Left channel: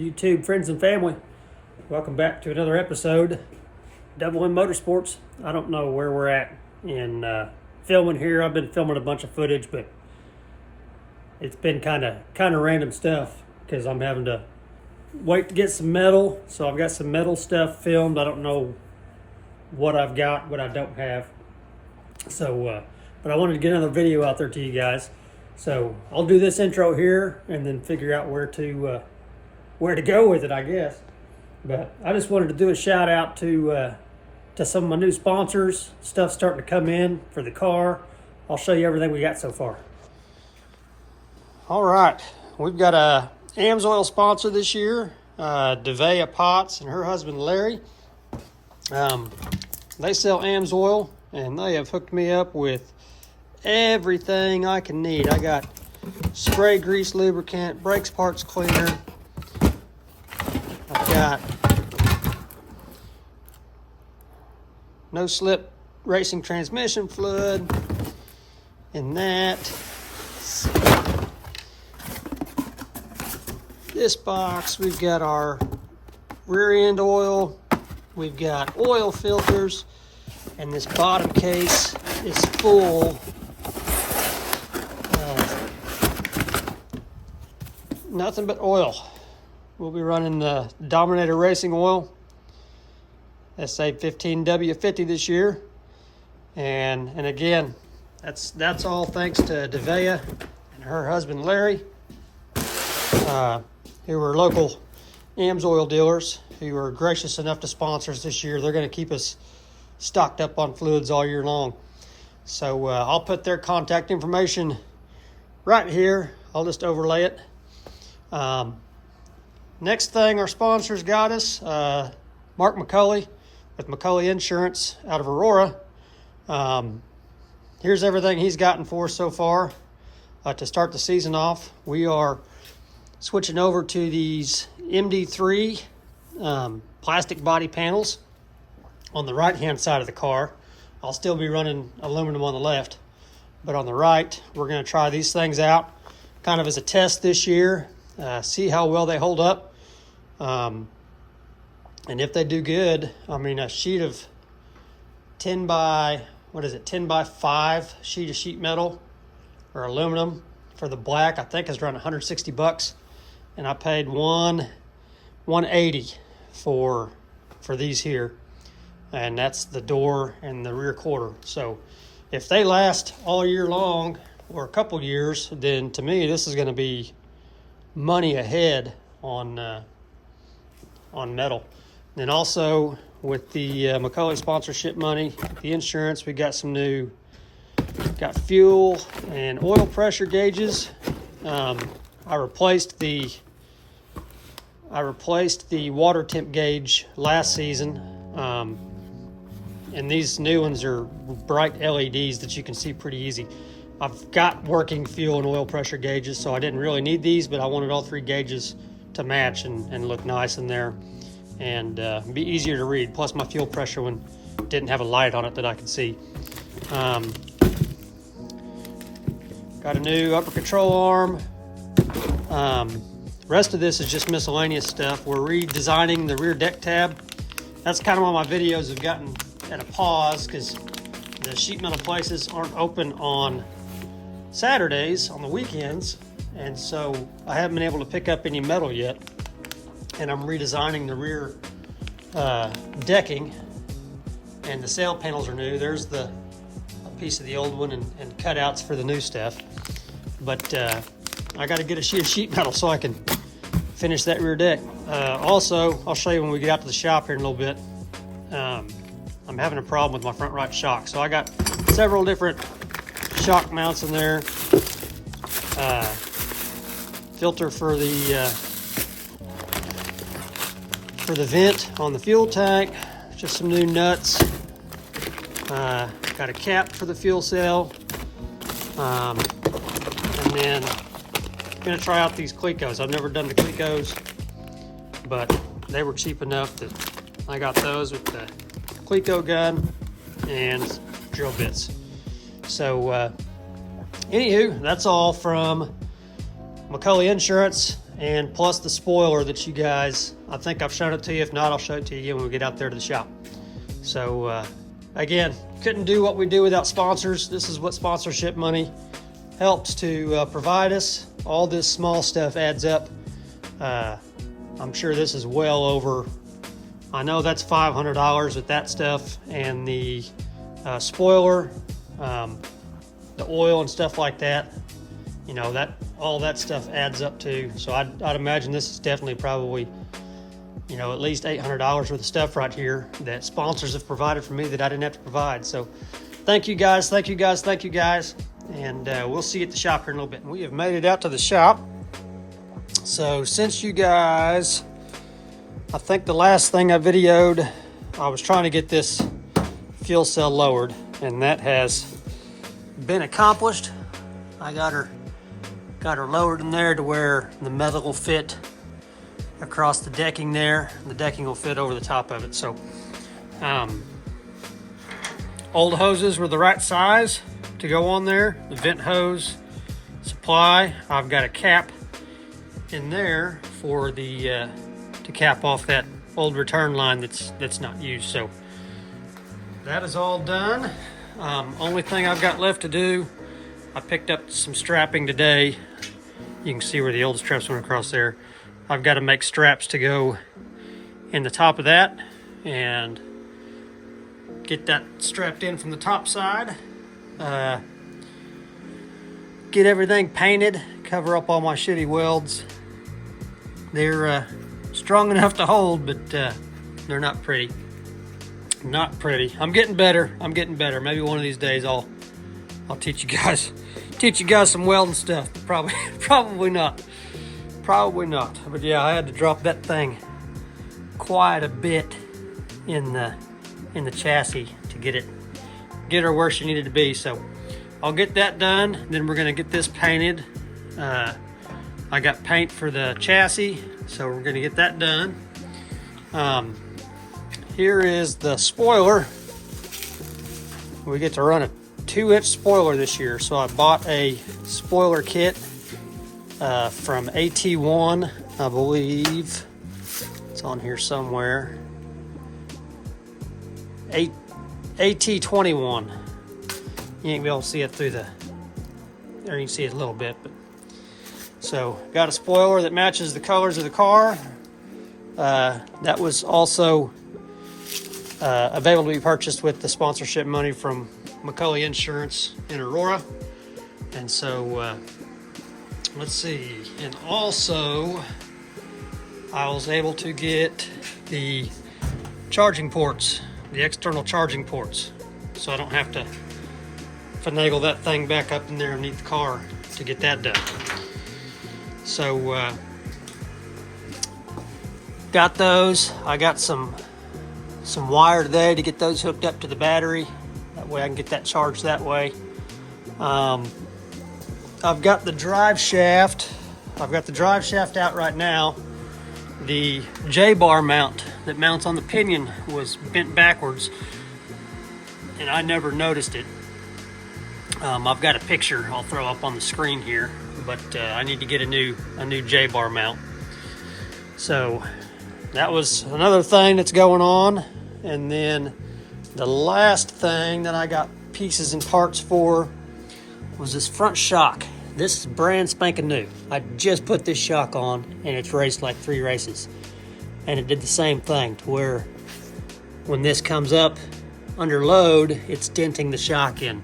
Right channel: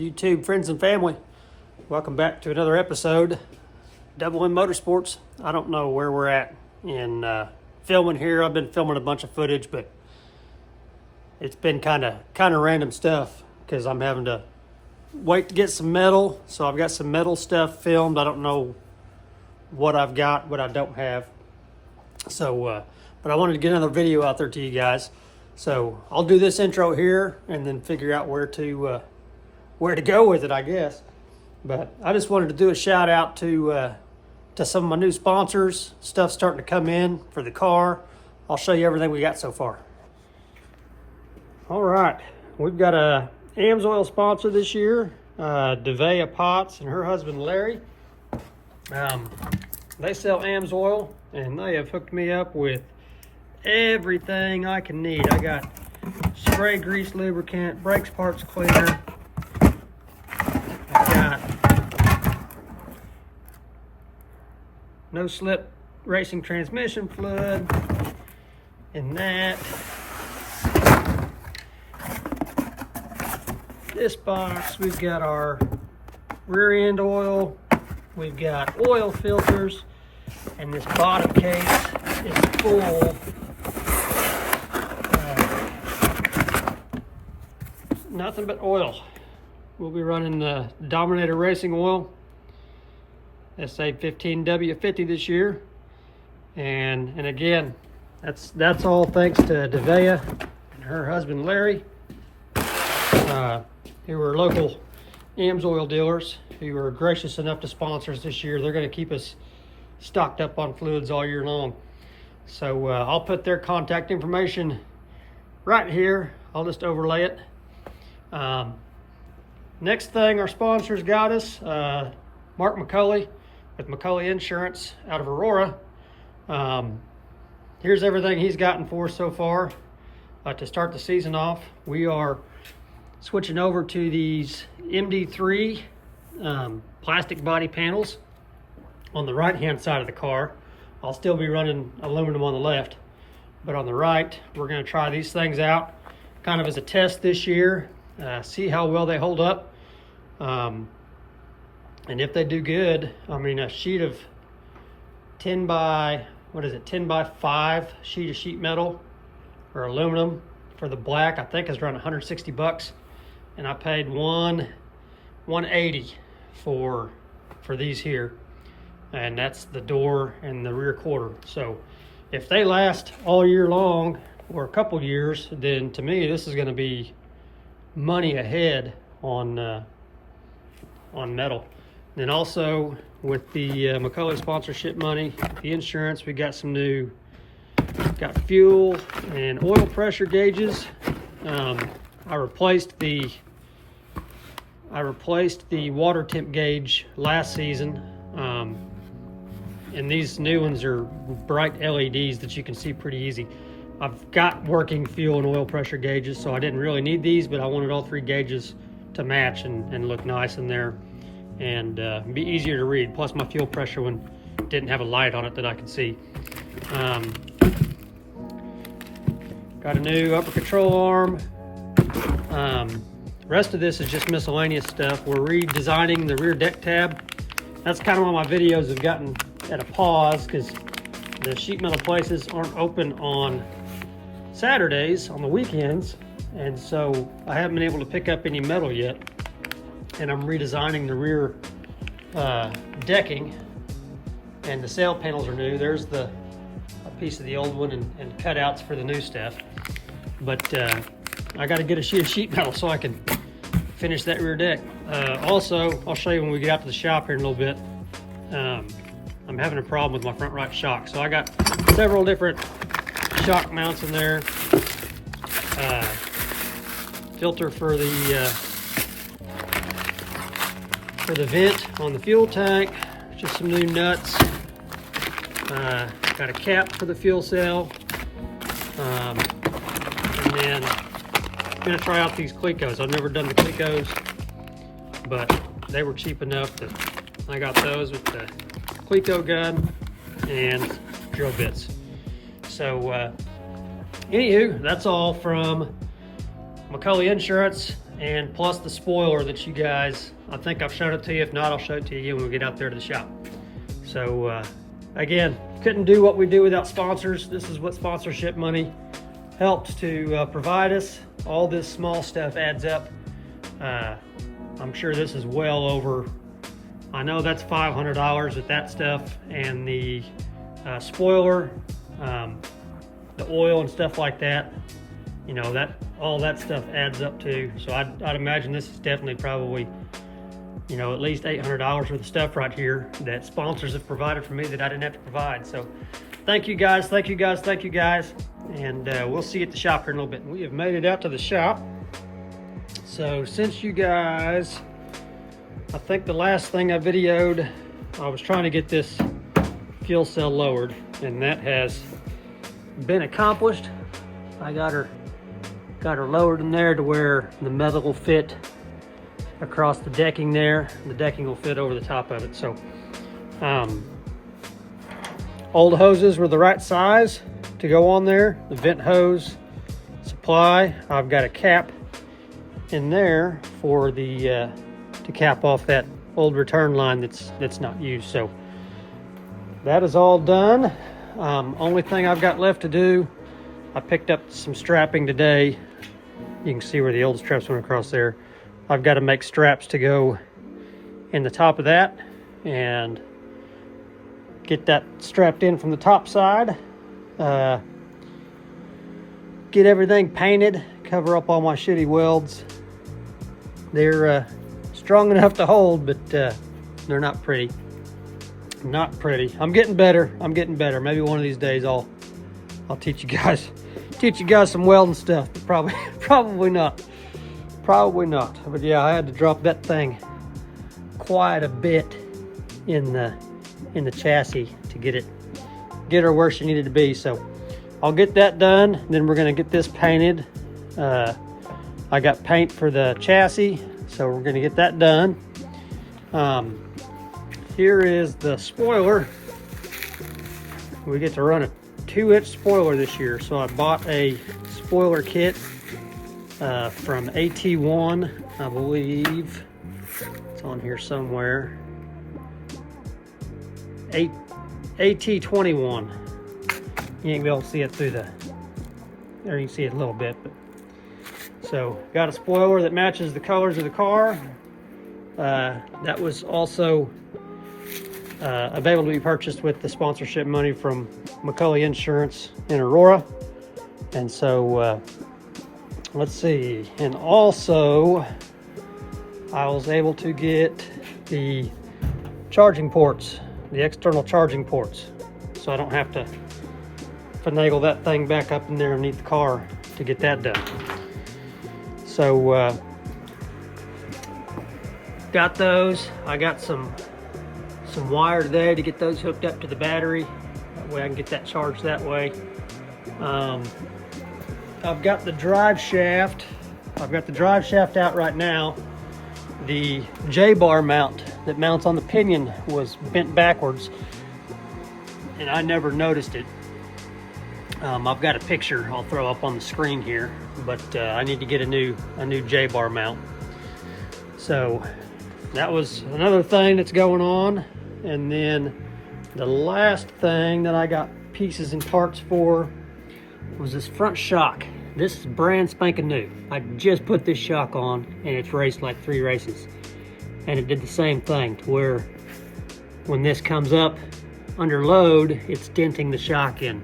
YouTube friends and family, welcome back to another episode. Double M Motorsports. I don't know where we're at in filming here. I've been filming a bunch of footage, but it's been kind of random stuff because I'm having to wait to get some metal. So I've got some metal stuff filmed. I don't know what I've got, what I don't have. So, but I wanted to get another video out there to you guys. So I'll do this intro here and then figure out where to go with it, I guess. But I just wanted to do a shout out to some of my new sponsors. Stuff starting to come in for the car. I'll show you everything we got so far. All right, we've got a AMSOIL sponsor this year, Devea Potts and her husband Larry. They sell AMSOIL and they have hooked me up with everything I can need. I got spray grease lubricant, brakes parts cleaner. I've got no slip racing transmission fluid in that. This box, we've got our rear end oil, we've got oil filters, and this bottom case is full of nothing but oil. We'll be running the Dominator Racing oil, SA15W50 this year. And again, that's all thanks to Devea and her husband Larry, who were local AMSOIL dealers who were gracious enough to sponsor us this year. They're going to keep us stocked up on fluids all year long. So I'll put their contact information right here. I'll just overlay it. Next thing our sponsors got us, Mark McCulley with McCulley Insurance out of Aurora. Here's everything he's gotten for us so far to start the season off. We are switching over to these MD3 plastic body panels on the right hand side of the car. I'll still be running aluminum on the left, but on the right we're going to try these things out kind of as a test this year, see how well they hold up. And if they do good, I mean, a sheet of 10 by 5 sheet of sheet metal or aluminum for the black, I think is around 160 bucks. And I paid $180 for these here. And that's the door and the rear quarter. So if they last all year long or a couple years, then to me, this is going to be money ahead on metal. And also with the McCulley sponsorship money, the insurance, we got some new, got fuel and oil pressure gauges. I replaced the water temp gauge last season. And these new ones are bright LEDs that you can see pretty easy. I've got working fuel and oil pressure gauges, so I didn't really need these, but I wanted all three gauges to match and look nice in there and be easier to read. Plus my fuel pressure one didn't have a light on it that I could see. Got a new upper control arm. Rest of this is just miscellaneous stuff. We're redesigning the rear deck tab. That's kind of why my videos have gotten at a pause, because the sheet metal places aren't open on Saturdays, on the weekends, and so I haven't been able to pick up any metal yet. And I'm redesigning the rear decking, and the sail panels are new. There's a piece of the old one and cutouts for the new stuff. But I got to get a sheet of sheet metal so I can finish that rear deck. Also, I'll show you when we get out to the shop here in a little bit. I'm having a problem with my front right shock. So I got several different shock mounts in there. Filter for the vent on the fuel tank. Just some new nuts. Got a cap for the fuel cell. And then I'm gonna try out these Clecos. I've never done the Clecos, but they were cheap enough that I got those with the Cleco gun and drill bits. So anywho, that's all from McCulley Insurance and plus the spoiler that you guys, I think I've shown it to you. If not, I'll show it to you again when we get out there to the shop. So again, couldn't do what we do without sponsors. This is what sponsorship money helps to provide us. All this small stuff adds up. I'm sure this is well over, I know that's $500 with that stuff, and the spoiler, the oil and stuff like that, you know, that all that stuff adds up to. So I'd imagine this is definitely probably, you know, at least $800 worth of stuff right here that sponsors have provided for me that I didn't have to provide. So thank you guys, thank you guys, thank you guys. And we'll see you at the shop here in a little bit. We have made it out to the shop. So since you guys, I think the last thing I videoed, I was trying to get this fuel cell lowered, and that has been accomplished. I got her lowered in there to where the metal will fit across the decking there. The decking will fit over the top of it. So old hoses were the right size to go on there. The vent hose supply, I've got a cap in there for the to cap off that old return line that's not used. So that is all done. Only thing I've got left to do, I picked up some strapping today. You can see where the old straps went across there. I've got to make straps to go in the top of that and get that strapped in from the top side. Get everything painted, cover up all my shitty welds. They're strong enough to hold, but they're not pretty. Not pretty. I'm getting better. I'm getting better. Maybe one of these days I'll teach you guys some welding stuff. But probably not. Probably not. But yeah, I had to drop that thing quite a bit in the chassis to get her where she needed to be. So I'll get that done. Then we're gonna get this painted. I got paint for the chassis, so we're gonna get that done. Here is the spoiler. We get to run a 2-inch spoiler this year, so I bought a spoiler kit from AT1, I believe. It's on here somewhere. AT21. You ain't be able to see it through there you can see it a little bit, but so got a spoiler that matches the colors of the car. That was also available to be purchased with the sponsorship money from McCully Insurance in Aurora. And so let's see, and also I was able to get the charging ports, the external charging ports, so I don't have to finagle that thing back up in there underneath the car to get that done. So got those. I got some wire today to get those hooked up to the battery. That way I can get that charged that way. I've got the drive shaft. I've got the drive shaft out right now. The J-bar mount that mounts on the pinion was bent backwards, and I never noticed it. I've got a picture I'll throw up on the screen here, but I need to get a new J-bar mount. So that was another thing that's going on. And then the last thing that I got pieces and parts for was this front shock. This is brand spanking new. I just put this shock on and it's raced like 3 races. And it did the same thing to where when this comes up under load, it's denting the shock in.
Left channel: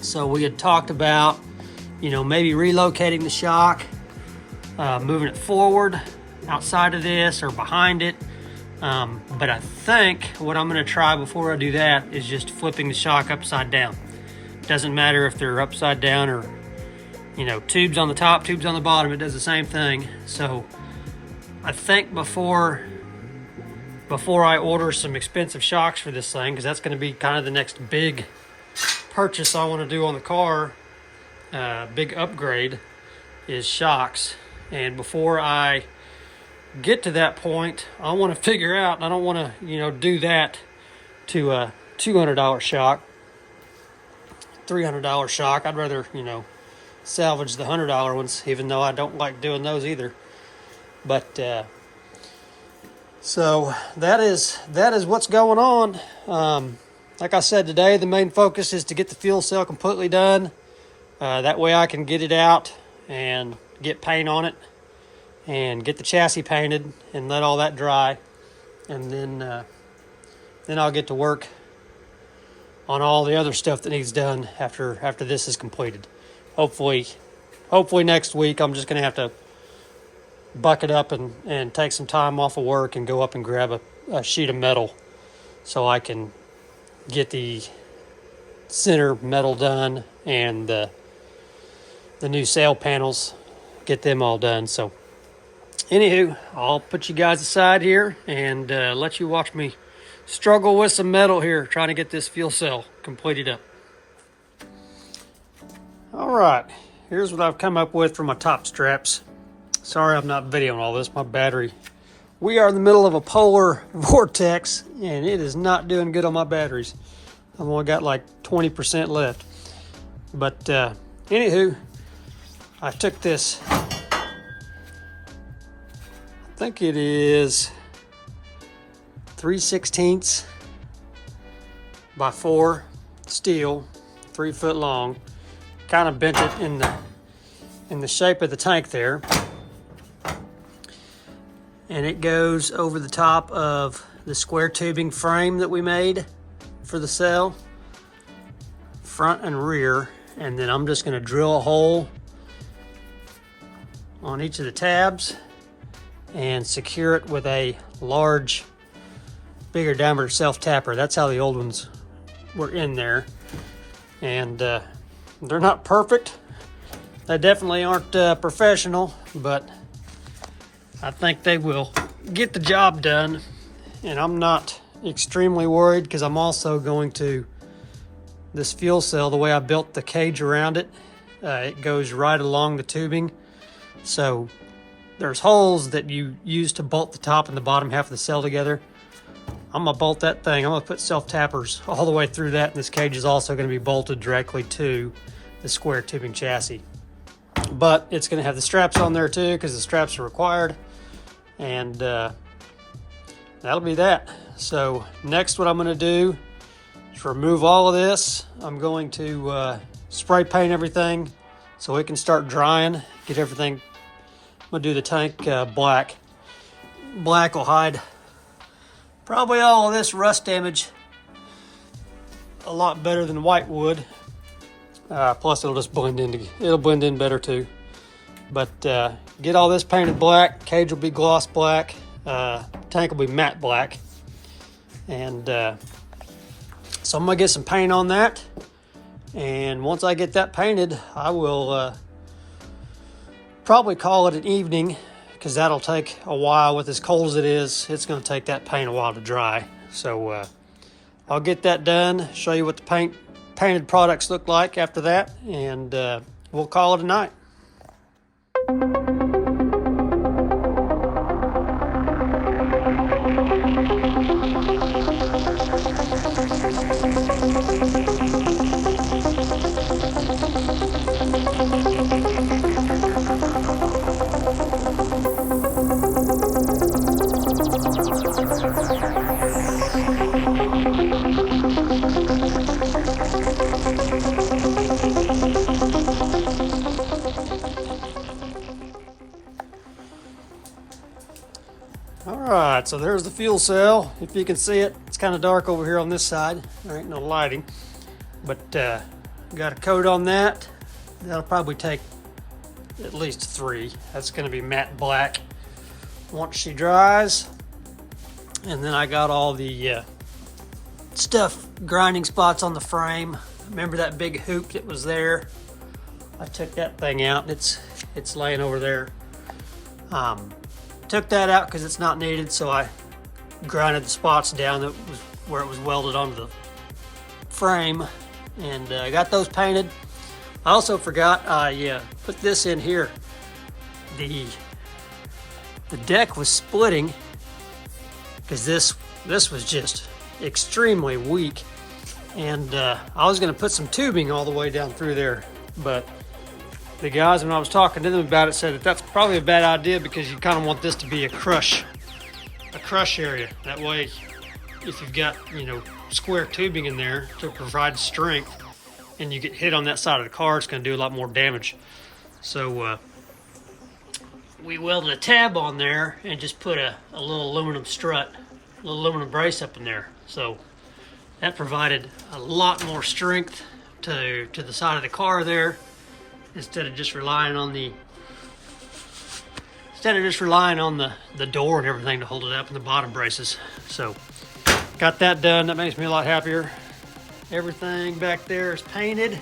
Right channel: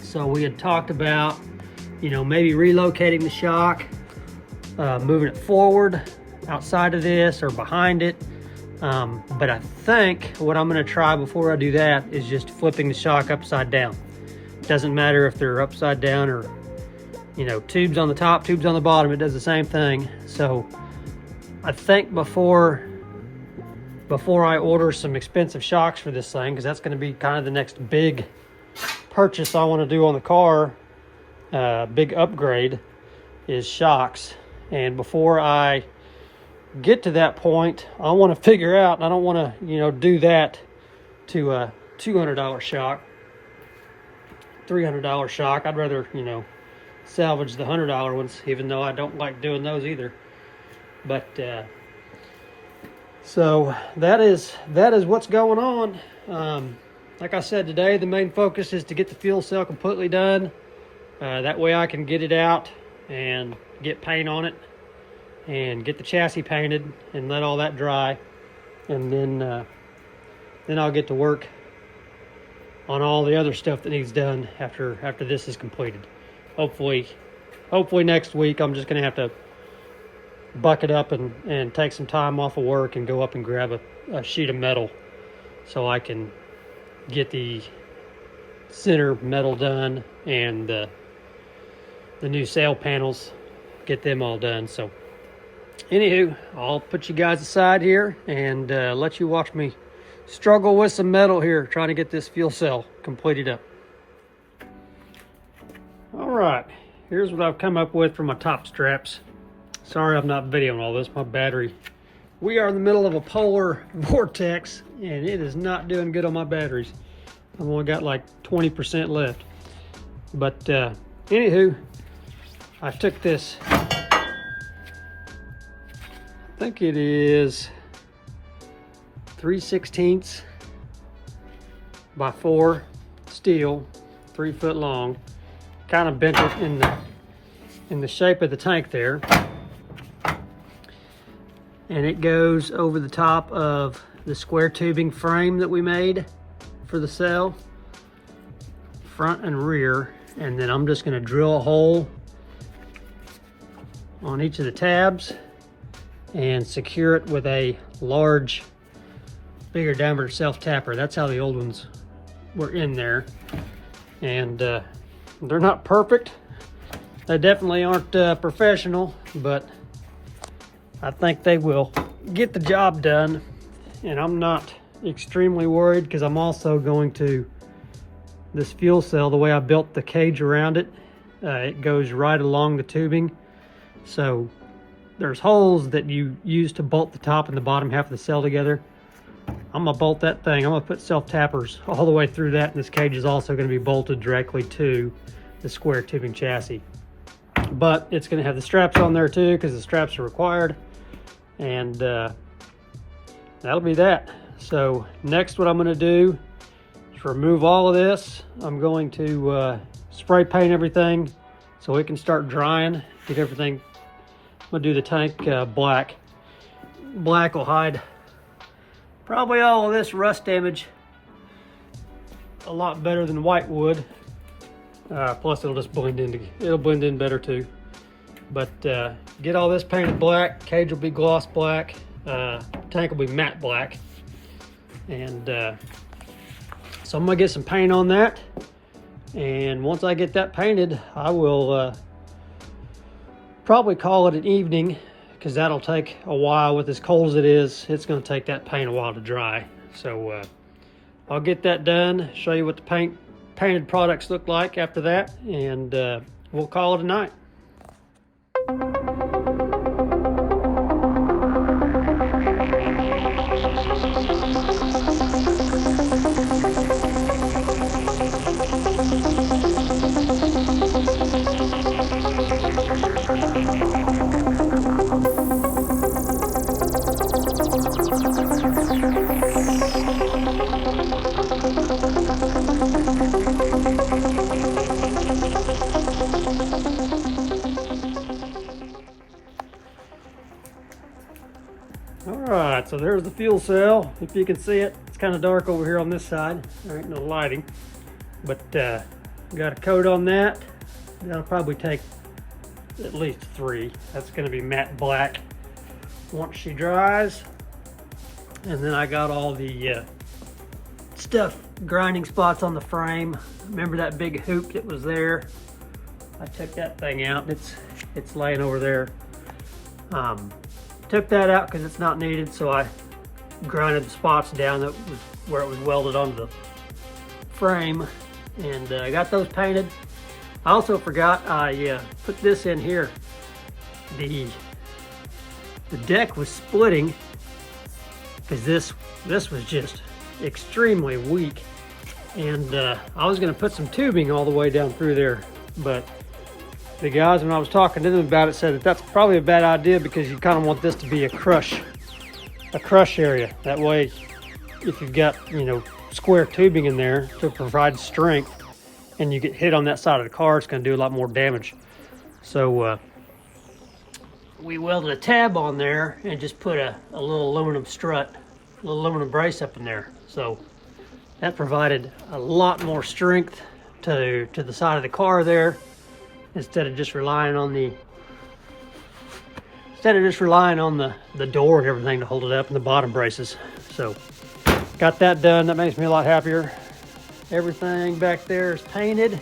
So we had talked about, you know, maybe relocating the shock, moving it forward outside of this or behind it. But I think what I'm gonna try before I do that is just flipping the shock upside down. Doesn't matter if they're upside down or, you know, tubes on the top, tubes on the bottom, it does the same thing. So I think before I order some expensive shocks for this thing, because that's gonna be kind of the next big purchase I wanna do on the car, big upgrade, is shocks. And before I get to that point, I want to figure out, I don't want to, you know, do that to a $200 shock, $300 shock. I'd rather, you know, salvage the $100 ones, even though I don't like doing those either. But so that is what's going on. Like I said, today the main focus is to get the fuel cell completely done. That way I can get it out and get paint on it and get the chassis painted and let all that dry, and then I'll get to work on all the other stuff that needs done after this is completed. Hopefully next week I'm just gonna have to buck it up and take some time off of work and go up and grab a sheet of metal so I can get the center metal done and the new sail panels, get them all done. So anywho, I'll put you guys aside here and let you watch me struggle with some metal here, trying to get this fuel cell completed up. All right, here's what I've come up with for my top straps. Sorry I'm not videoing all this, my battery. We are in the middle of a polar vortex and it is not doing good on my batteries. I've only got like 20% left. But anywho, I took this, I think it is 3/16 by 4 steel, 3 foot long. Kind of bent it in the shape of the tank there. And it goes over the top of the square tubing frame that we made for the cell, front and rear. And then I'm just gonna drill a hole on each of the tabs and secure it with a large, bigger diameter self-tapper. That's how the old ones were in there. And they're not perfect. They definitely aren't professional, but I think they will get the job done. And I'm not extremely worried because I'm also going to, this fuel cell, the way I built the cage around it, it goes right along the tubing. So there's holes that you use to bolt the top and the bottom half of the cell together. I'm gonna bolt that thing. I'm gonna put self-tappers all the way through that, and this cage is also gonna be bolted directly to the square tubing chassis. But it's gonna have the straps on there too, because the straps are required. And that'll be that. So next, what I'm gonna do is remove all of this. I'm going to spray paint everything so it can start drying, get everything. I'm gonna do the tank black. Black will hide probably all of this rust damage a lot better than white would. Plus it'll just blend in, it'll blend in better too. But get all this painted black, cage will be gloss black, tank will be matte black. And so I'm gonna get some paint on that. And once I get that painted, I will probably call it an evening, because that'll take a while. With as cold as it is, it's going to take that paint a while to dry. So I'll get that done, show you what the painted products look like after that, and we'll call it a night. Alright, so there's the fuel cell. If you can see it, it's kind of dark over here on this side. There ain't no lighting. But got a coat on that. That'll probably take at least 3. That's going to be matte black once she dries. And then I got all the stuff, grinding spots on the frame. Remember that big hoop that was there? I took that thing out. It's laying over there. Took that out because it's not needed, so I grinded the spots down that was where it was welded onto the frame, and I got those painted. I also forgot I put this in here. The deck was splitting because this was just extremely weak, and I was going to put some tubing all the way down through there, but the guys, when I was talking to them about it, said that that's probably a bad idea because you kind of want this to be a crush area. That way, if you've got, you know, square tubing in there to provide strength and you get hit on that side of the car, it's going to do a lot more damage. So we welded a tab on there and just put a little aluminum strut, a little aluminum brace up in there. So that provided a lot more strength to the side of the car there, instead of just relying on the door and everything to hold it up, and the bottom braces. So got that done. That makes me a lot happier. Everything back there is painted.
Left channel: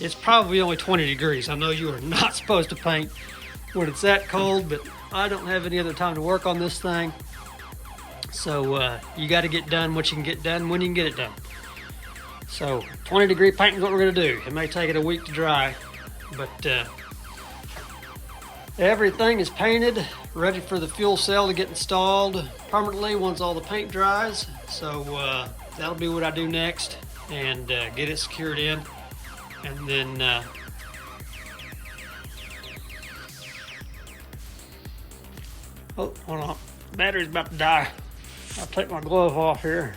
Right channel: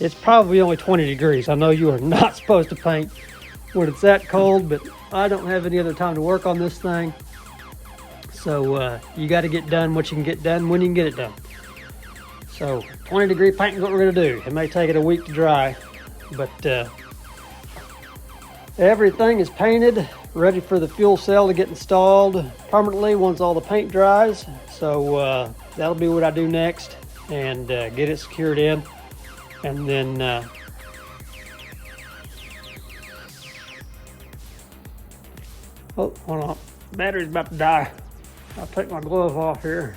It's probably only 20 degrees. I know you are not supposed to paint when it's that cold, but I don't have any other time to work on this thing. So you got to get done what you can get done when you can get it done. So 20 degree painting is what we're going to do. It may take it a week to dry, but everything is painted, ready for the fuel cell to get installed permanently once all the paint dries. So that'll be what I do next, and get it secured in. And then oh, hold on, battery's about to die. I'll take my glove off here.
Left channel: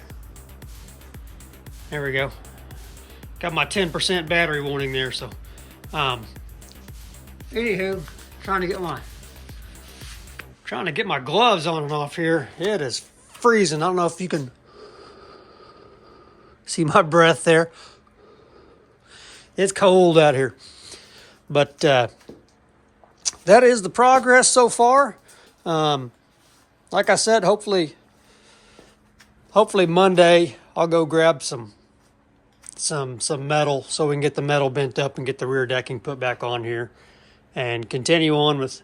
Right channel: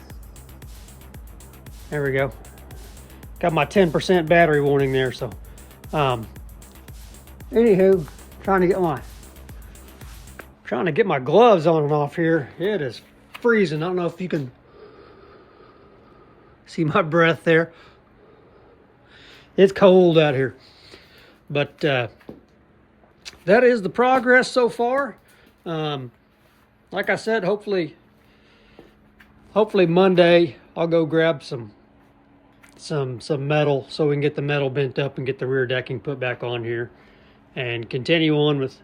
There we go. Got my 10% battery warning there. So anywho, trying to get my gloves on and off here. It is freezing. I don't know if you can see my breath there. It's cold out here, but that is the progress so far. Like I said, hopefully Monday I'll go grab some metal so we can get the metal bent up and get the rear decking put back on here, and continue on with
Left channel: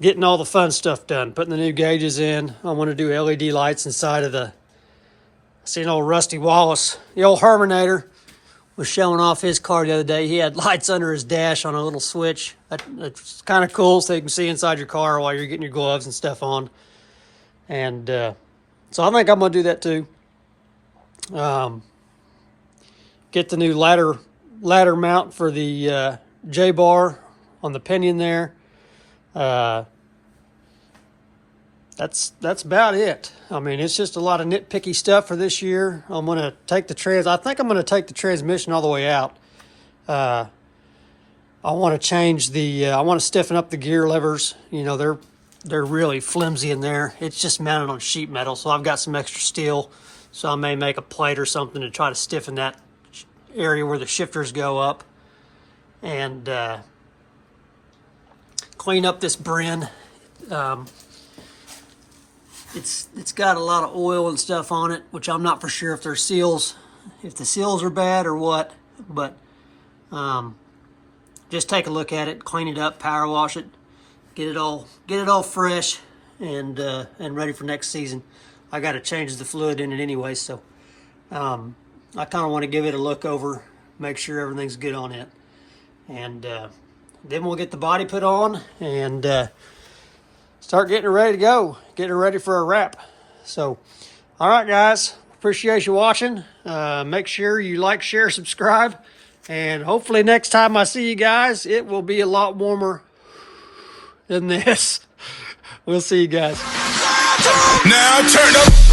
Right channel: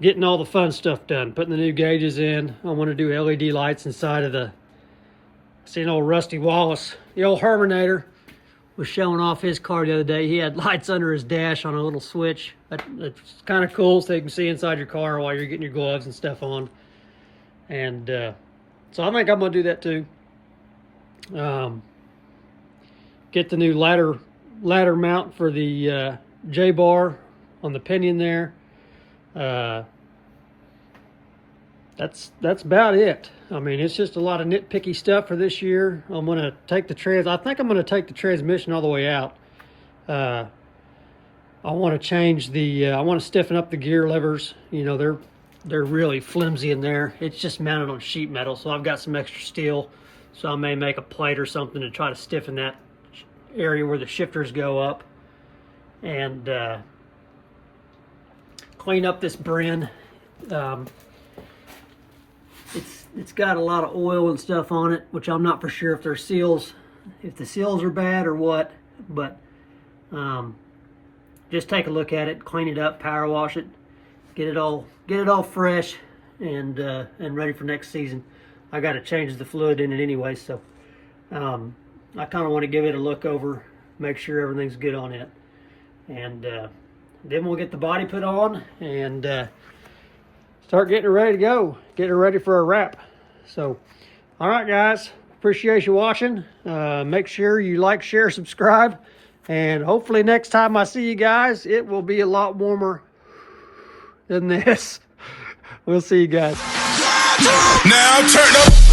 getting all the fun stuff done, putting the new gauges in. I want to do LED lights inside of the, I seen old Rusty Wallace, the old Herminator, was showing off his car the other day. He had lights under his dash on a little switch. That's kind of cool, so you can see inside your car while you're getting your gloves and stuff on. And so I think I'm going to do that too. Get the new ladder mount for the J-bar on the pinion there. That's about it. I mean, it's just a lot of nitpicky stuff for this year. I'm going to take the I think I'm going to take the transmission all the way out. I want to change I want to stiffen up the gear levers. You know, they're really flimsy in there. It's just mounted on sheet metal, so I've got some extra steel. So I may make a plate or something to try to stiffen that area where the shifters go up, and clean up this brin. It's got a lot of oil and stuff on it, which I'm not for sure if the seals are bad or what, but just take a look at it, clean it up, power wash it, get it all fresh and ready for next season. I got to change the fluid in it anyway, so I kind of want to give it a look over, make sure everything's good on it, and then we'll get the body put on and start getting it ready to go, getting it ready for a wrap. So, all right, guys, appreciate you watching. Make sure you like, share, subscribe, and hopefully next time I see you guys, it will be a lot warmer than this. We'll see you guys. Now turn up.